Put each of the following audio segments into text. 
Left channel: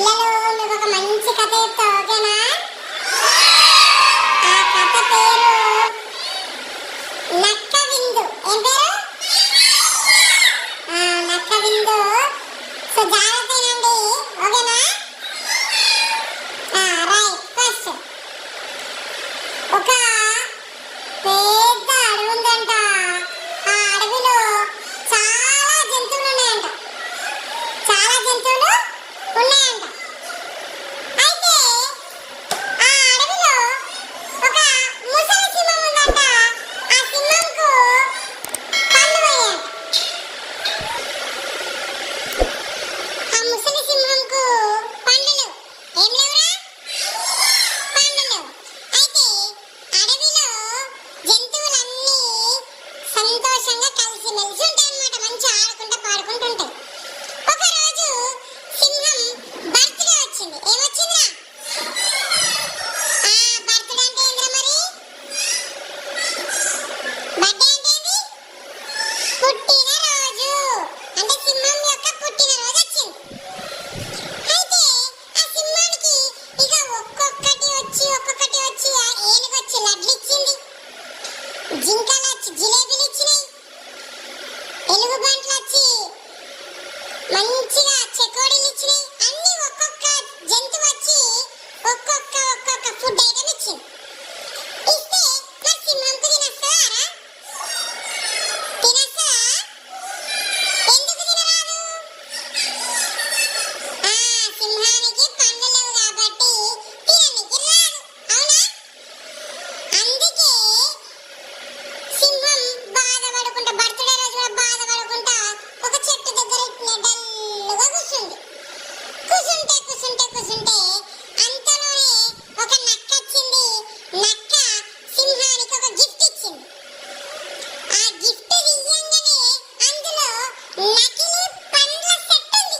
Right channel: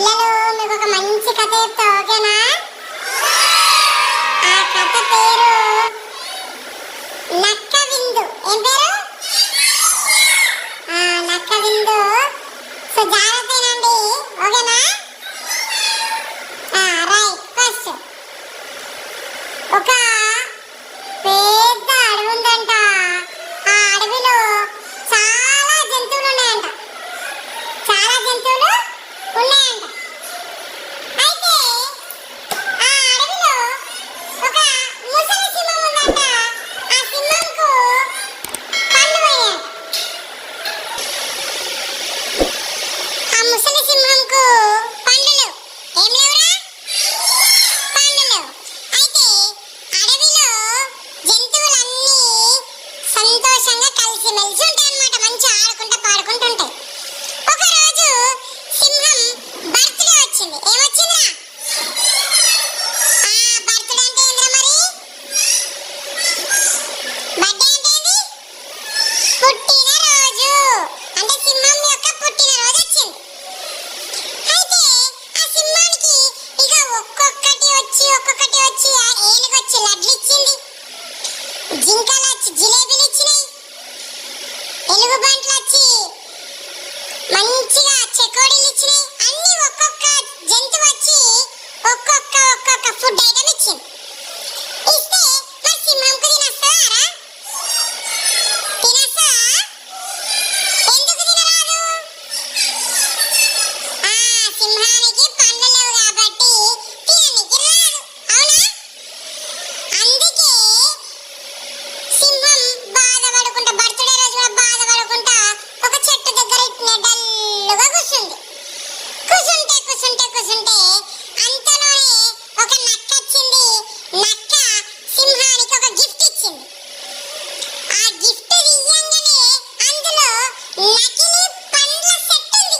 పిల్లలు మీకు ఒక మంచి కథ చెప్తా, ఓకేనా? ఆ కథ పేరు నక్క విందు. ఏం పేరు? నక్క విందు. సో జాగ్రత్తనండి, ఓకేనా? రైట్. ఫస్ట్ ఒక పెద్ద అడవి ఉందంట. ఆ అడవిలో చాలా జంతువులు ఉన్నాయంట. అయితే ఆ అడవిలో ఒక ముసలి సింహం ఉందంట. ఆ సింహంకు పళ్ళు పోయాయంట. ఆ ముసలి సింహంకు పండ్లు లేవు. ఏం లేవురా? పండ్లు లేవు. అయితే అడవిలో జంతువులన్నీ సంతోషంగా కలిసిమెలిసి ఉంటాయి అన్నమాట. మంచిగా ఆడుకుంటా పాడుకుంటూ ఉంటాయి. ఒకరోజు సింహం బర్త్డే వచ్చింది. ఏమొచ్చిందిరా? బర్త్డే అంటే ఏంద్రా మరి? బర్త్డే అంటే ఏంది? పుట్టినరోజు. అంటే సింహం యొక్క పుట్టినరోజు వచ్చింది. అయితే ఆ సింహానికి ఇక ఒక్కొక్కటి వచ్చి ఆ ఏనుగొచ్చి లడ్లు ఇచ్చింది, జింకలు వచ్చి జిలేబీలు ఇచ్చినాయి, ఎలుగుబంట్లు వచ్చి మంచిగా చెకోడీలు ఇచ్చినాయి. అన్ని ఒక్కొక్క జంతువు వచ్చి ఒక్కొక్క ఫుడ్ ఐటమ్ ఇచ్చింది. ఇస్తే మరి సింహంకు తినొస్తారా? తినొస్తా? ఎందుకు తినరాదు? సింహానికి పండ్లు లేవు కాబట్టి తిననికి రాదు, అవునా? అందుకే సింహం బాధపడుకుంటా, బర్త్డే రోజు కూడా బాధపడుకుంటా ఒక చెట్టు దగ్గర డల్లుగా కూర్చుంది. కూర్చుంటే అంతలోనే ఒక నక్క వచ్చింది. నక్క సింహానికి ఒక గిఫ్ట్ ఇచ్చింది. ఆ గిఫ్ట్ తీయంగానే అందులో నకిలీ పండ్ల సెట్ ఉంది.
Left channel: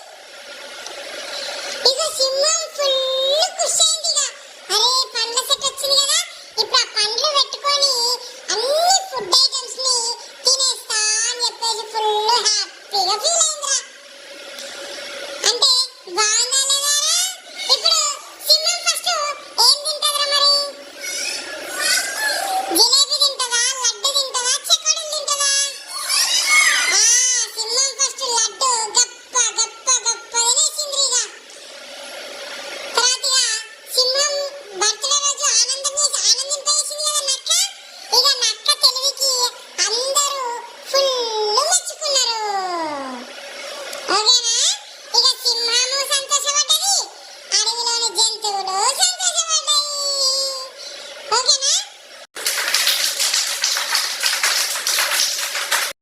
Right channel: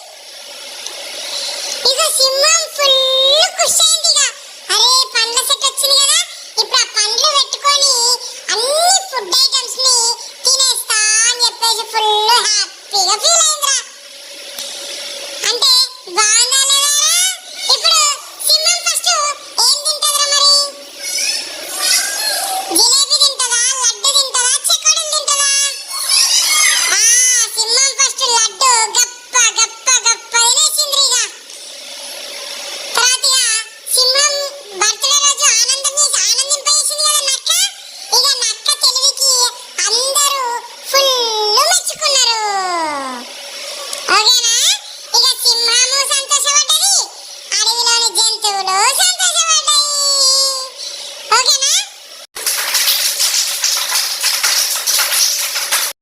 ఇక సింహం ఫుల్ ఖుషి అయింది. అరే